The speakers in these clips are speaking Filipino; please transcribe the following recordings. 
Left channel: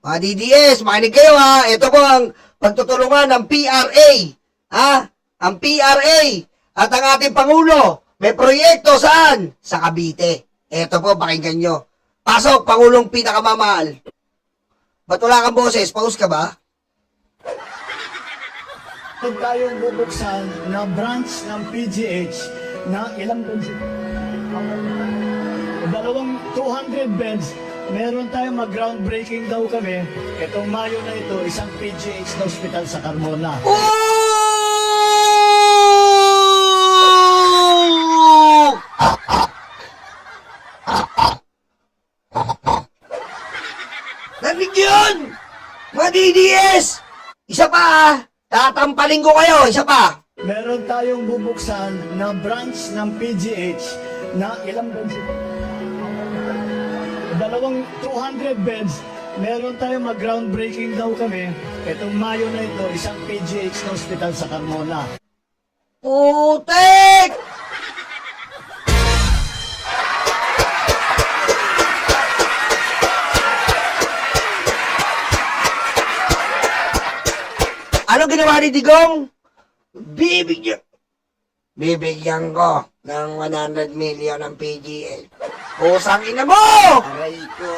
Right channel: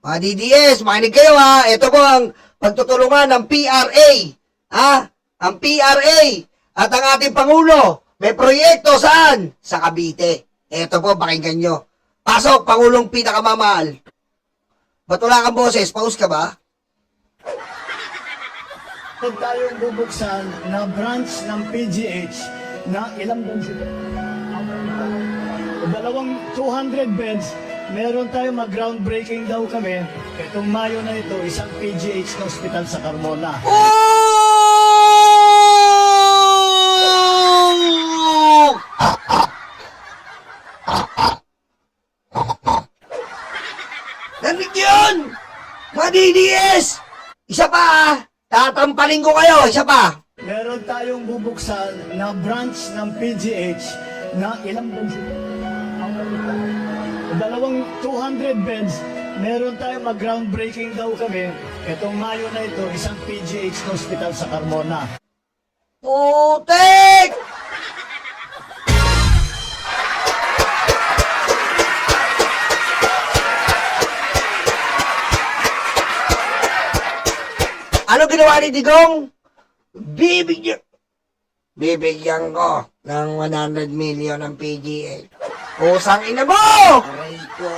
Mga DDS, makinig kayo ha. Ito po ang pagtutulungan ng PRA. Ang PRA at ang ating Pangulo. May proyekto saan? Sa Cavite. Ito po, pakinggan nyo. Pasok, Pangulong pinakamamahal. Ba't wala kang boses? Paus ka ba? Huwag tayong bubuksan na branch ng PGH na ilang beds. Dalawang 200 beds. Meron tayong mag-groundbreaking daw kami. Itong Mayo na ito, isang PGH na hospital sa Carmona. Narinig yun! Mga DDS! Isa pa tatampalin ko kayo, isa pa. Meron tayong bubuksan na branch ng PGH na ilang beds. Dalawang 200 beds. Meron tayong mag-groundbreaking daw kami. Itong Mayo na ito, isang PGH na hospital sa Carmona. Putik! Ano ginawa ni Digong? Bibigyan ko ng 100 million ng PGL. Pusang ina mo! Aray ko.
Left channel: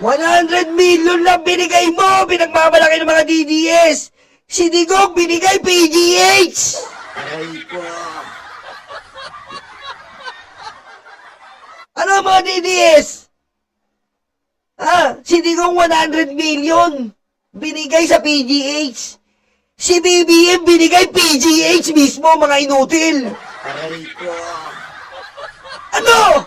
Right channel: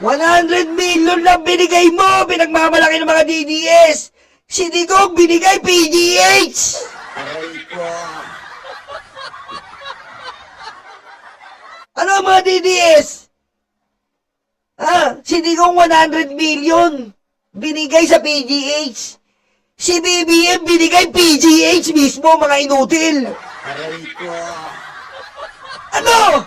100 million na binigay mo! Pinagmamalaki ng mga DDS! Si Digong binigay PGH! Aray ko. Ano ang mga DDS? Si Digong 100 million binigay sa PGH. Si BBM binigay PGH mismo, mga inutil. Aray ko. Ano?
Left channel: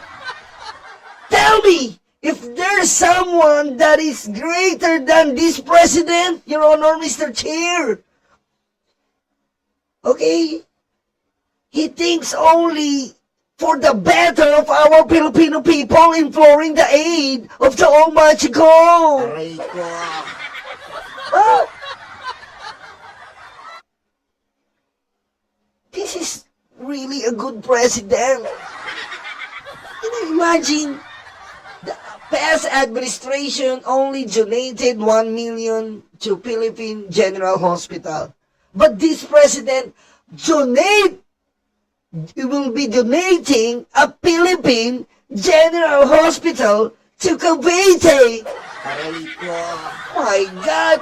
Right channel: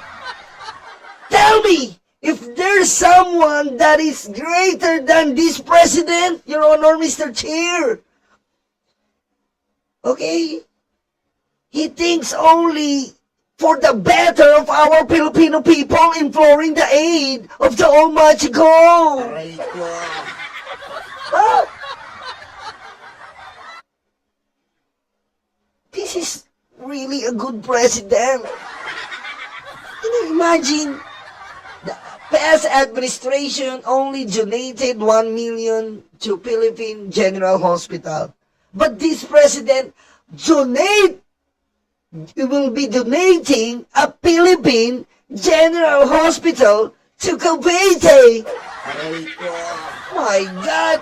Tell me, if there's someone that is greater than this president, Your Honor, Mr. Chair. Okay? He thinks only for the better of our Filipino people, imploring the aid of the Almighty God. Aray ko. This is really a good president. Can you imagine? The past administration only donated 1 million to Philippine General Hospital. But this president will be donating a Philippine General Hospital to Cavite. My God!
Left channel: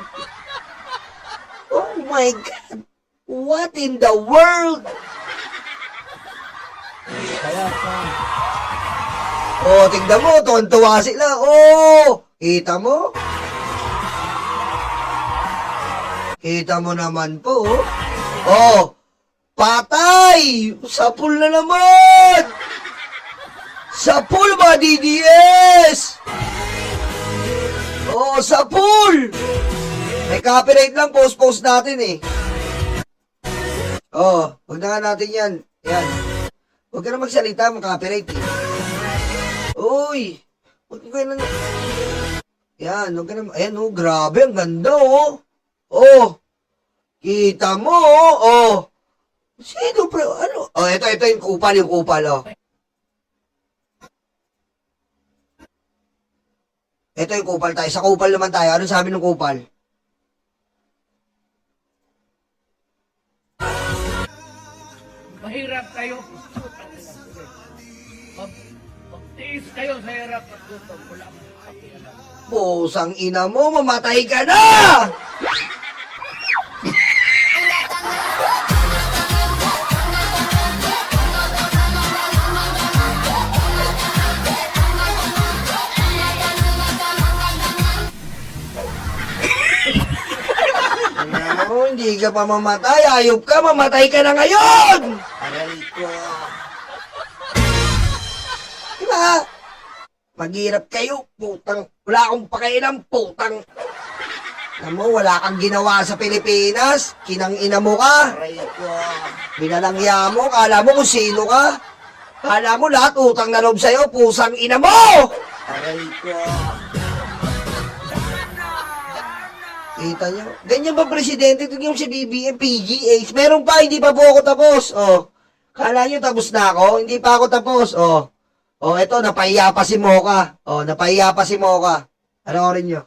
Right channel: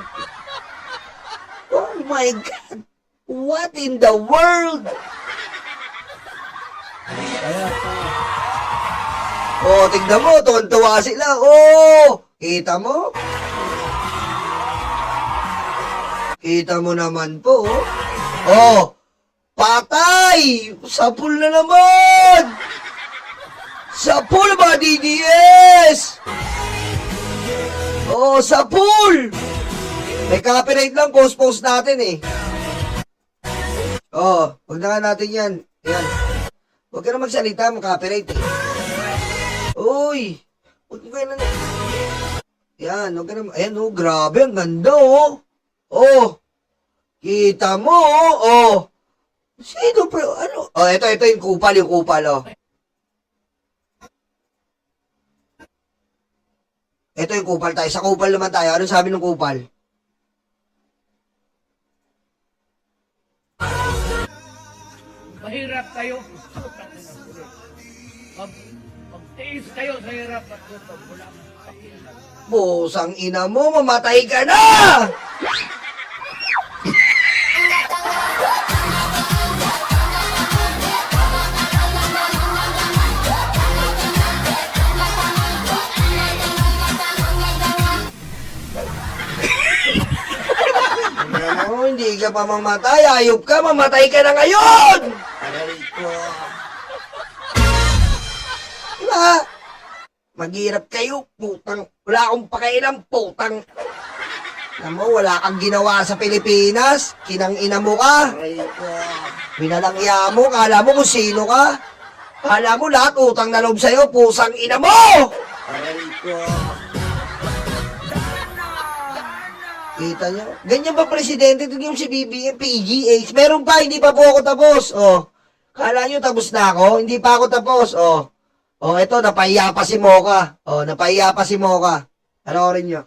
Oh my God! What in the world? Tignan mo, tuwan-tuwa sila. Kita mo? Kita mo naman po. Patay! Sa pool na naman! Sa pool, mga DDS! Sa pool! May copyright lang, post natin eh. Huwag na nga natin yan. Yan. Huwag ka na magsalita, copyright eh. Uy! Huwag ka na... Yan, huwag ka na... Ayan grabe, ang ganda kita mo Sino pero ano? Ito yung kupal, Ito yung kupal tayo. Sa kupal naman tayo. Ano sabi ng kupal? Mahirap kayo. Magtiis kayo sa hirap at tutong mo lang. Pusang ina mo, mamatay ka na! Hindi ka pa mamatay. Ayop ka, mamatay ka na ngayon! Aray ko. Diba? Maghirap kayo, putang. Wala akong pakialam, putang. Alam mo, wala kang ginawa sa Pilipinas. Kinang-ina mo ka. Aray ko. Minalangya mo, kala mo kung sino ka. Kala mo lahat utang na loob sa'yo, pusang ina mo! Aray ko. Kita nyo? Ganyan ba presidente? Ito yung si BBM, PGH. Meron pa, hindi pa po ako tapos. Kala nyo tapos na ako? Hindi pa ako tapos. O, eto, napaiya pa si Mocha. O, napaiya pa si Mocha. Panoorin nyo.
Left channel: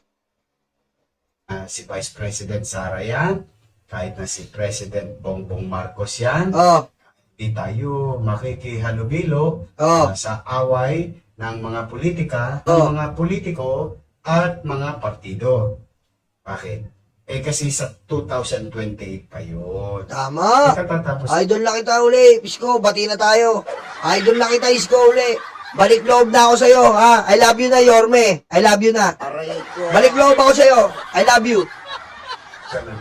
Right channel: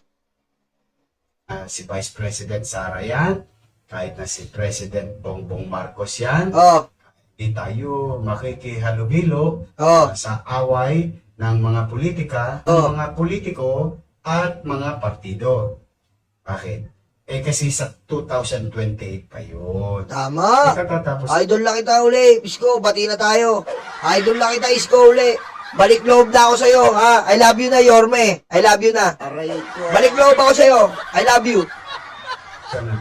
Si Vice President Sara yan, kahit na si President Bongbong Marcos yan, O, di tayo makikihalubilo o, sa away ng mga politika, Oh. ng mga politiko at mga partido. Bakit? Kasi sa 2028 pa yun. tama. Katatapos Idol lang kita uli. Isko, bati na tayo. Idol lang kita, Isko, uli. Balik loob na ako sa'yo, ha? I love you na, Yorme. I love you na. Balik loob ako sa'yo. I love you. ka ng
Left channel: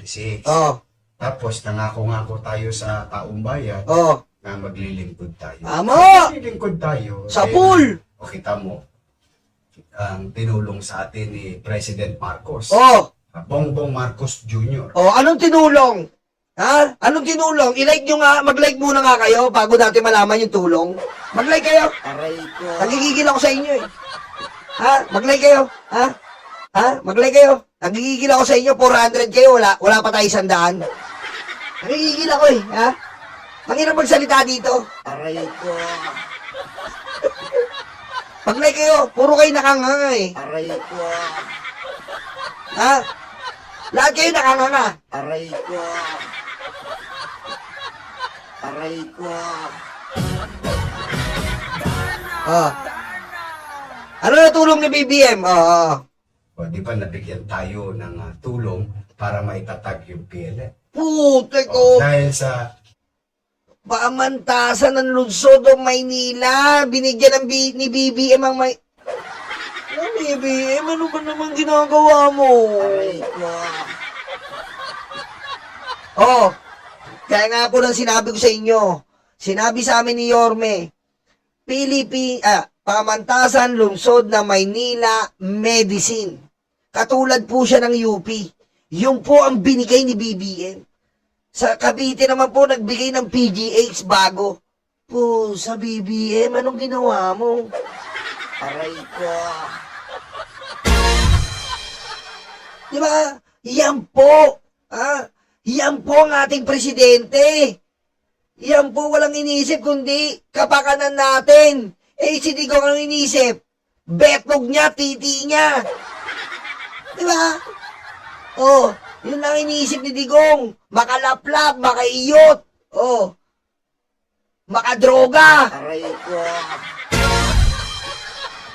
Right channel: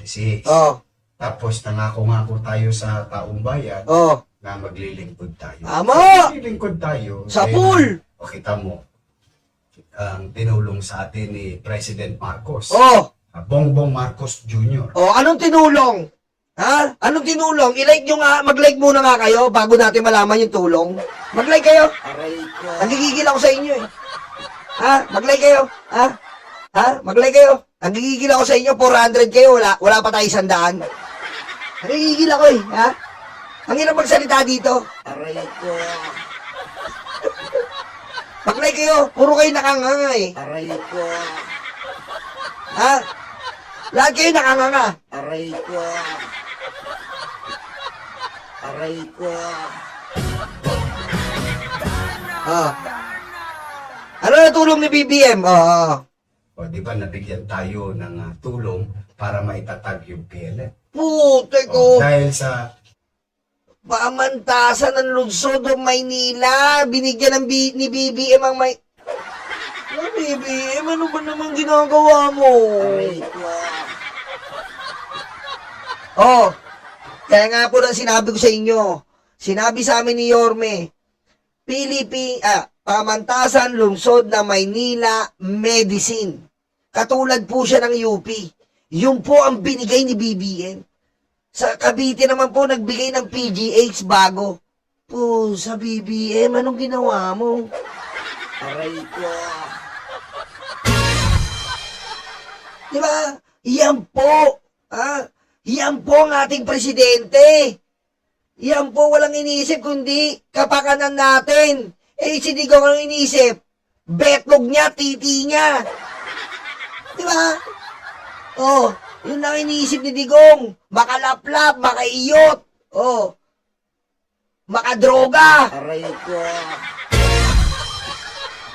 2026. Oh, Tapos nangako-ngako tayo sa taong bayan oh. na maglilingkod tayo. Tama! Maglilingkod tayo. Sa dahil pool! O kita mo, ang tinulong sa atin ni President Marcos. Oh, Bongbong Marcos Jr. oh, anong tinulong? Ha? Anong tinulong? I-like nyo nga, mag-like muna nga kayo bago natin malaman yung tulong. Mag-like kayo. Nagigigil ako sa inyo eh. Ha? Mag-like kayo. Ha? Ha? Mag-like kayo. Nagigigil ako sa inyo, 400 kayo, wala pa tayo 100. Nagigigil ako eh. Ha? Ang hirap magsalita dito. Mag-like kayo, puro kayo nakanganga eh. Ha? Lahat kayo nakanganga. Oh. Ano na tulong ni BBM? Oh. O di ba nabigyan tayo ng tulong para maitatag yung PLN. Putek O, ko. dahil sa Pamantasan ng lungsod o Maynila. Binigyan ng ni BBM ang may... Ano BBM? Ano ba naman ginagawa mo? Oh. Kaya nga po lang sinabi ko sa inyo. Sinabi sa amin ni Yorme. Pamantasan lungsod na Maynila Medicine. Katulad po siya ng UP. Yun po ang binigay ni BBM. Sa Cavite naman po nagbigay ng PGH bago. Po, sa BBM, anong ginawa mo? Di ba? Yan po. Yan po ang ating presidente. Yan po walang iniisip kundi kapakanan natin. Si Digong ang iniisip. Betlog niya, titi niya. Di ba? Oh, yun lang iniisip ni Digong. Makalaplap, makaiyot. Oh. Makadroga.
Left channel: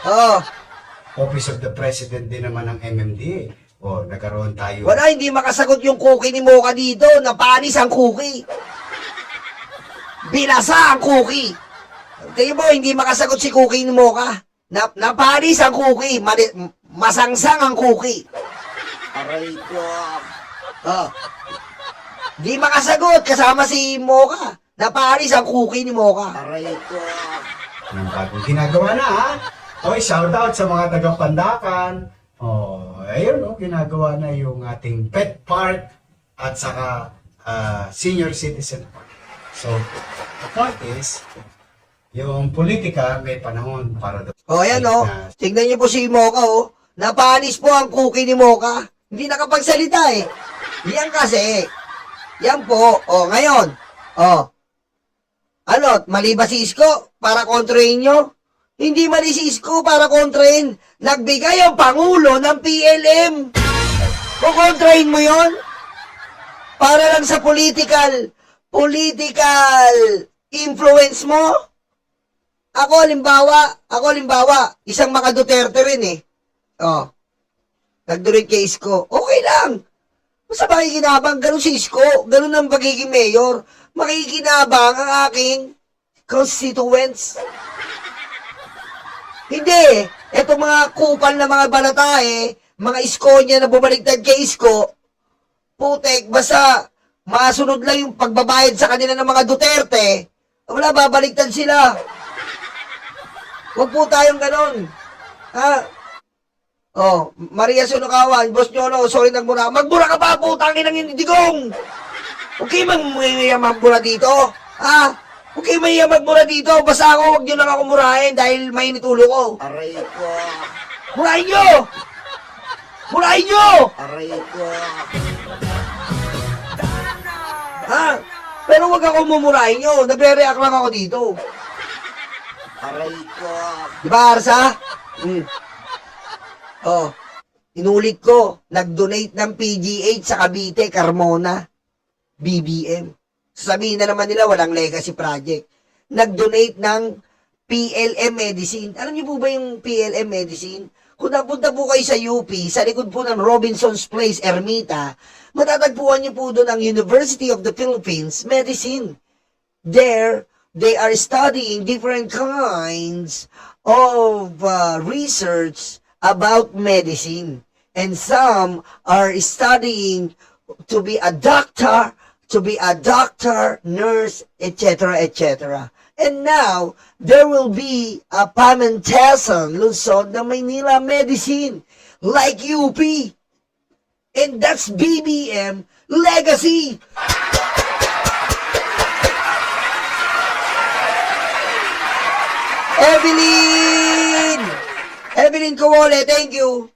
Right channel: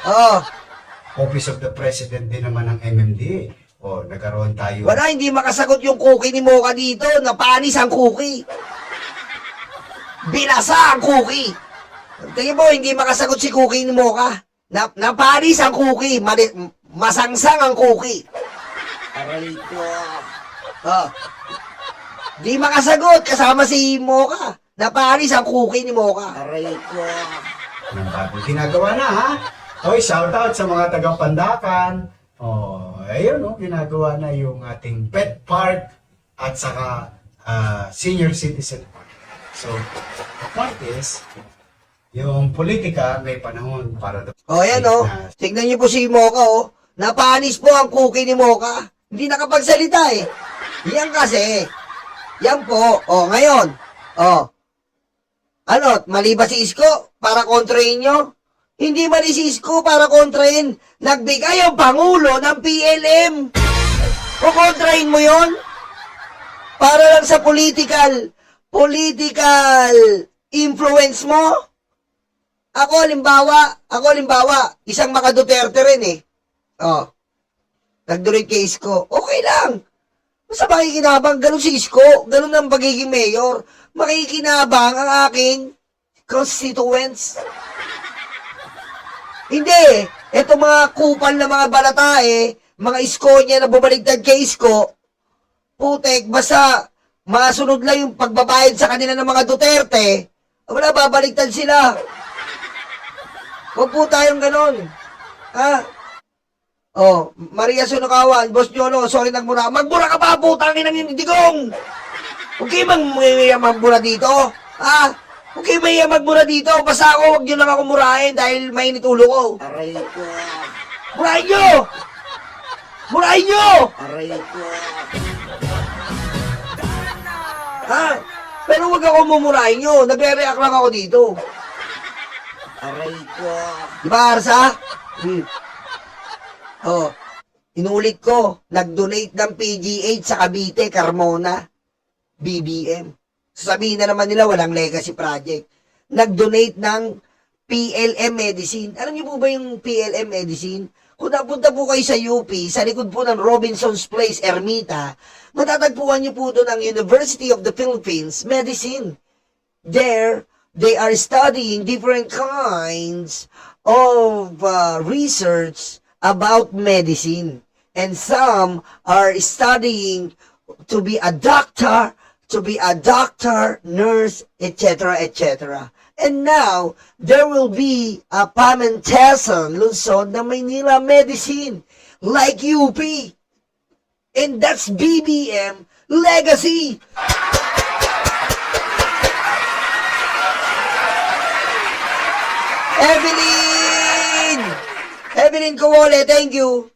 Oh. Office of the President din naman ng MMDA. O, nagkaroon tayo. Wala, hindi makasagot yung cookie ni Mocha dito. Napanis ang cookie. Binasa ang cookie. Tingin mo, hindi makasagot si cookie ni Mocha. Napanis ang cookie. Masangsang ang cookie. Oh. Di makasagot kasama si Mocha. Napanis ang cookie ni Mocha. Yung bagong ginagawa na, ha? Oy, shout out sa mga taga-Pandakan. Ayun, ginagawa na yung ating pet park at saka senior citizen park. So, the point is, yung politika may panahon para doon. Yan tignan niyo po si Mocha Napanis po ang cookie ni Mocha. Hindi nakapagsalita eh. Yan kasi. Yan po. Ngayon. Ano, mali ba si Isko para kontrahin nyo? Hindi mali si Isko para kontrahin. Nagbigay ang Pangulo ng PLM. O kontrahin mo yon? Para lang sa political influence mo? Ako limbawa, isang mga Duterte rin eh. Nagdurit kay Isko. Okay lang. Basta makikinabang, ganun si Isko, ganun ang pagiging mayor. Makikinabang ang aking constituents. Hindi. Eto mga kupal na mga balatae, mga Isko niya na bumaliktad kay Isko, putek, basta masunod lang yung pagbabayad sa kanila ng mga Duterte, wala, babaliktad sila. Huwag po tayong ganun. Maria Sunukawan, Boss Nyolo, sorry nagmura. Magmura ka pa, putangin ng Digong! Huwag kayo magmura dito. Huwag kayo magmura dito. Basta ako, huwag nyo lang ako murahin dahil mainit ulo ko. Murahin nyo! Murahin nyo! Pero huwag ako mumurahin nyo. Nagre-react lang ako dito. Aray ko. Di ba, Arsa? Oh, inulit ko, nag-donate ng PGH sa Cavite, Carmona, BBM. Sasabihin na naman nila, walang legacy project. Nag-donate ng PLM Medicine. Alam niyo po ba yung PLM Medicine? Kung napunta po kayo sa UP, sa likod po ng Robinson's Place, Ermita, matatagpuan niyo po doon ang University of the Philippines Medicine. There, they are studying different kinds of research about medicine. And some are studying to be a doctor, nurse, etc., etc. And now, there will be a Pamantasan, Luzon, na Maynila Medicine, like UP. And that's BBM legacy. Evelyn! Evelyn Kawole, thank you.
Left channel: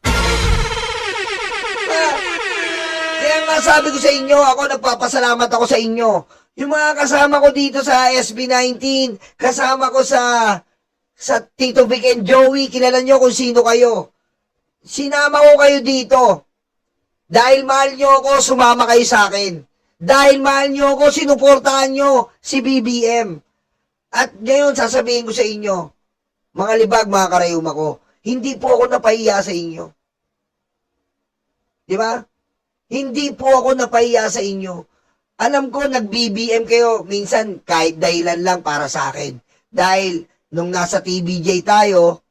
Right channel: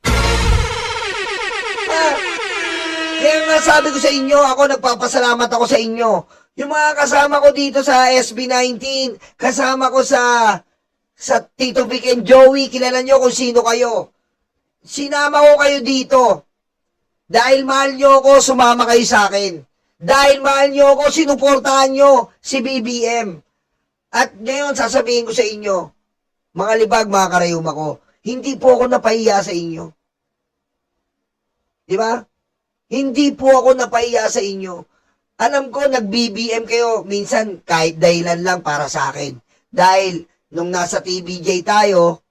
Kaya nga sabi ko sa inyo, ako nagpapasalamat ako sa inyo. Yung mga kasama ko dito sa SB19, kasama ko sa Tito Vic and Joey, kilala nyo kung sino kayo. Sinama ko kayo dito. Dahil mahal nyo ako, sumama kayo sa akin. Dahil mahal nyo ako, sinuportahan nyo si BBM. At ngayon, sasabihin ko sa inyo, mga libag, mga karayuma ko, hindi po ako napahiya sa inyo. Di ba? Hindi po ako napahiya sa inyo. Alam ko, nag-BBM kayo, minsan kahit dahilan lang para sa akin. Dahil, nung nasa TVJ tayo,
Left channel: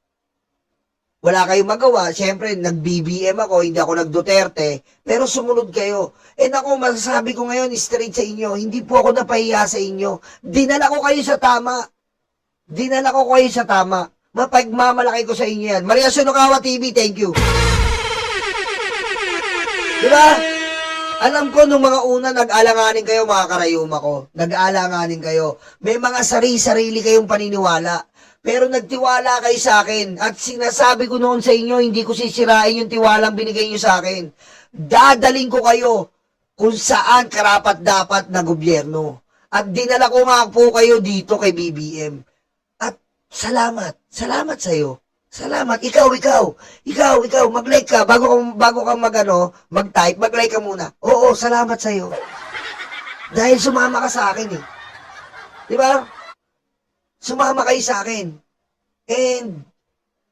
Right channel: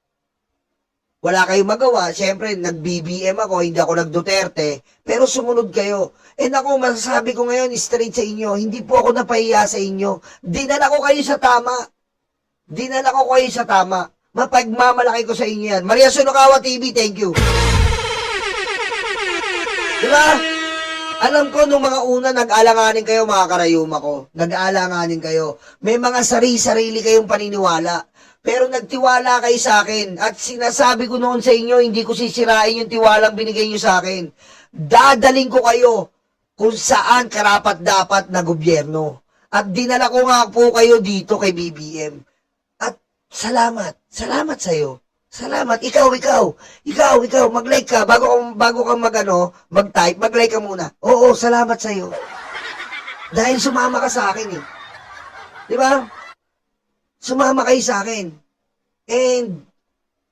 wala kayong magawa. Siyempre, nag-BBM ako, hindi ako nag-Duterte. Pero sumunod kayo. And ako, masasabi ko ngayon, straight sa inyo, hindi po ako napahiya sa inyo. Dinala ko kayo sa tama. Dinala ko kayo sa tama. Mapagmamalaki ko sa inyo yan. Maria Sunokawa TV, thank you. Diba? Alam ko, nung mga una, nag-alanganin kayo, mga karayuma ko. Nag-alanganin kayo. May mga sarili kayong paniniwala. Pero nagtiwala kayo sa akin. At sinasabi ko noon sa inyo, hindi ko sisirain yung tiwalang binigay nyo sa akin. Dadaling ko kayo kung saan karapat-dapat na gobyerno. At dinala ko nga po kayo dito kay BBM. At salamat. Salamat sa'yo. Salamat. Ikaw, mag-like ka. Bago ka mag-type, mag-like ka muna. Oo, salamat sa'yo. Dahil sumama ka sa akin eh. Di ba? Sumama kayo sa akin. And,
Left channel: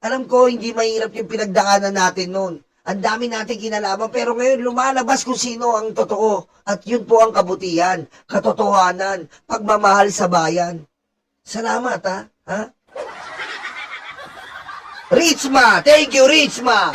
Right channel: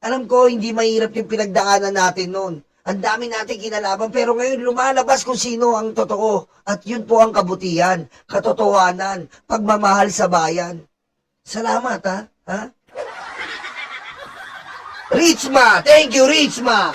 alam ko, hindi mahirap yung pinagdaanan natin noon. Ang dami natin kinalaban, pero ngayon lumalabas kung sino ang totoo. At yun po ang kabutihan, katotohanan, pagmamahal sa bayan. Salamat, ha? Ha? Richma! Thank you, Richma!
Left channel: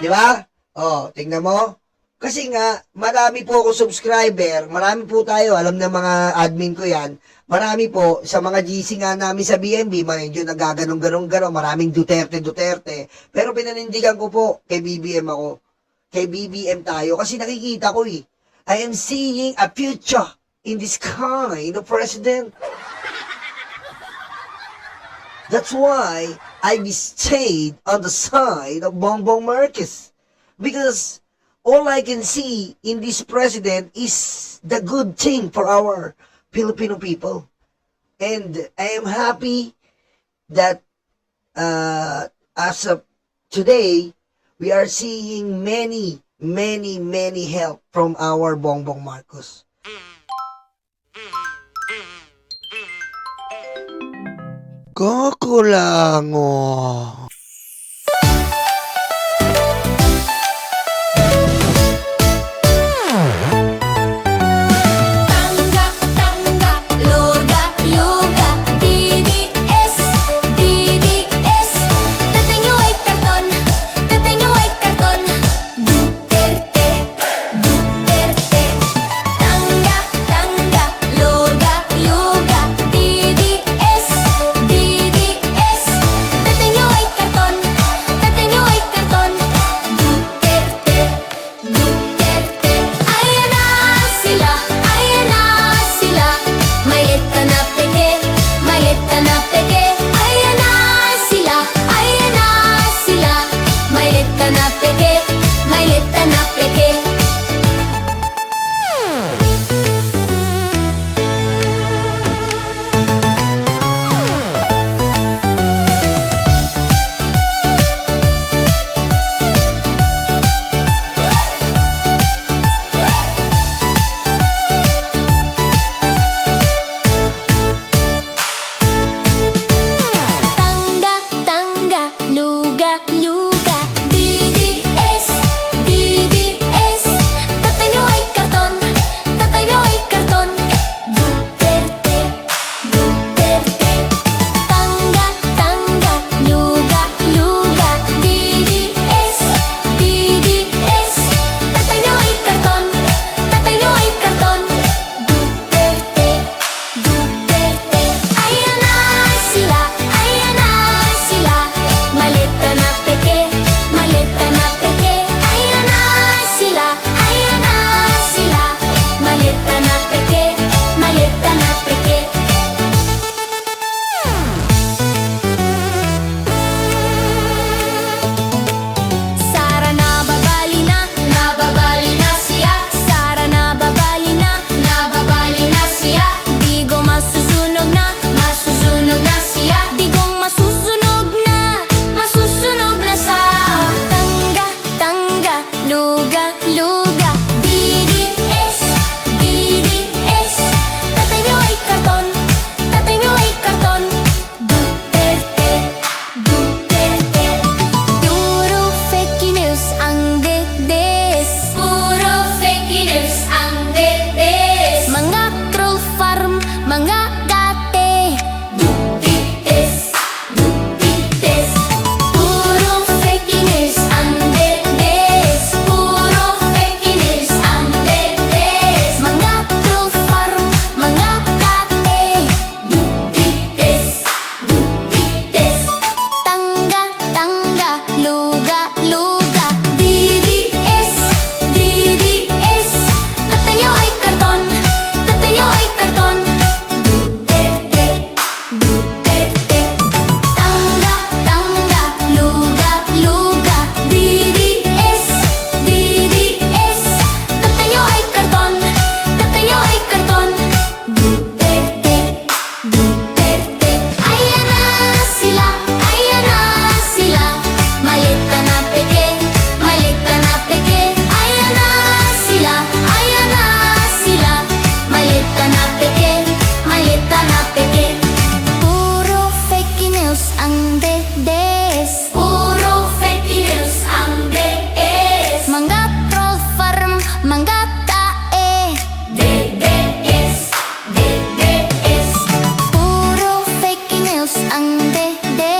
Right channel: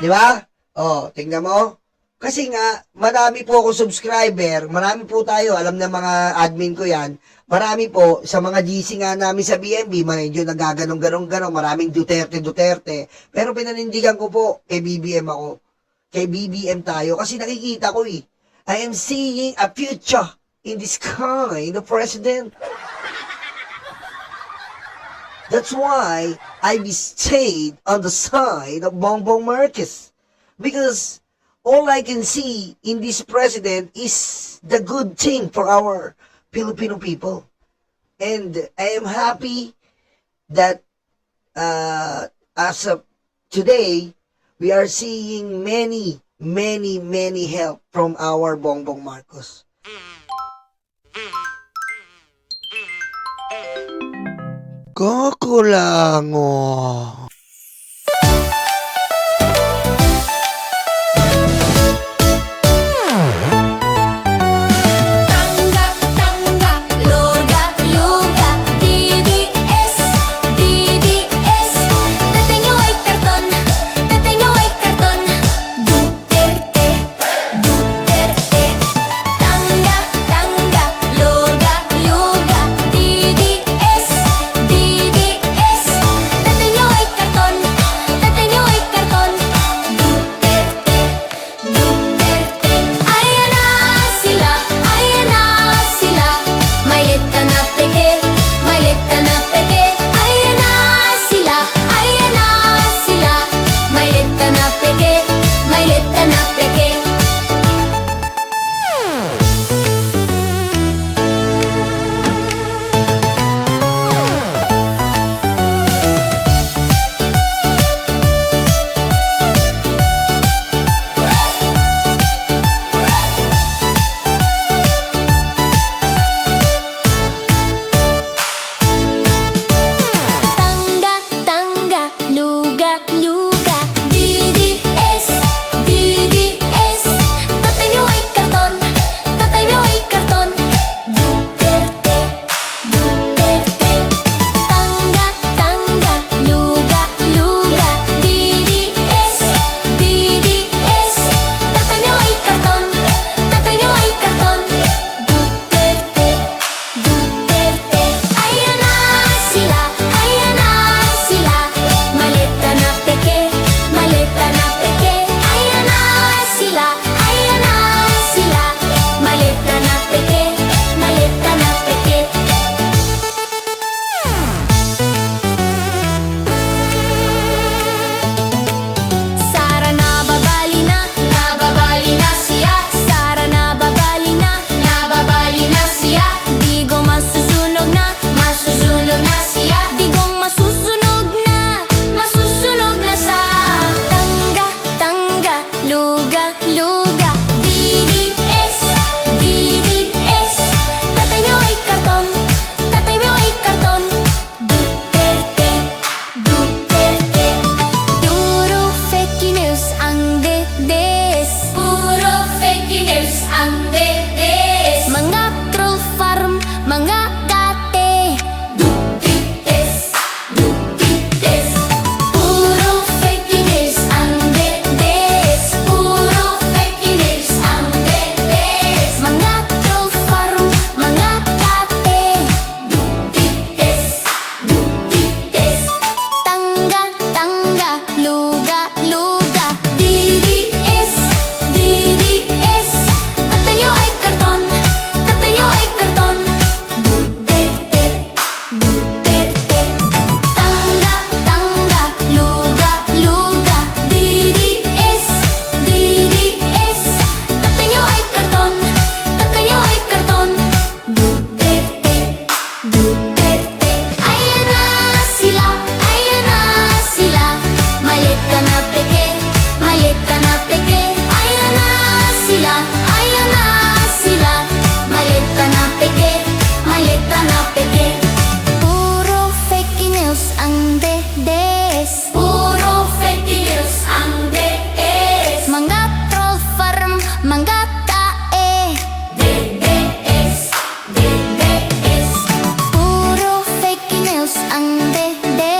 Di ba? Oh, tingnan mo. Kasi nga, marami po ako subscriber, marami po tayo, alam na mga admin ko yan, marami po, sa mga GC nga namin sa BNB, medyo nagaganong-ganong-ganong, maraming Duterte. Pero pinanindigan ko po, kay BBM ako. Kay BBM tayo, kasi nakikita ko eh. I am seeing a future in this kind of president. That's why I stayed on the side of Bongbong Marcos. Because all I can see in this president is the good thing for our Filipino people. And I am happy that as of today, we are seeing many help from our Bongbong Marcos. Kakulango. Tanggap, loga, yoga, DDS, DDS. Dating yung ay karton, Duterte, Duterte. Tanggap, loga, yoga, DDS, DDS. Dating yung ay karton. ang DDS. Puro fake news ang DDS. Mga troll farm, mga tae. DDS, DDS. Puro fake news ang DDS.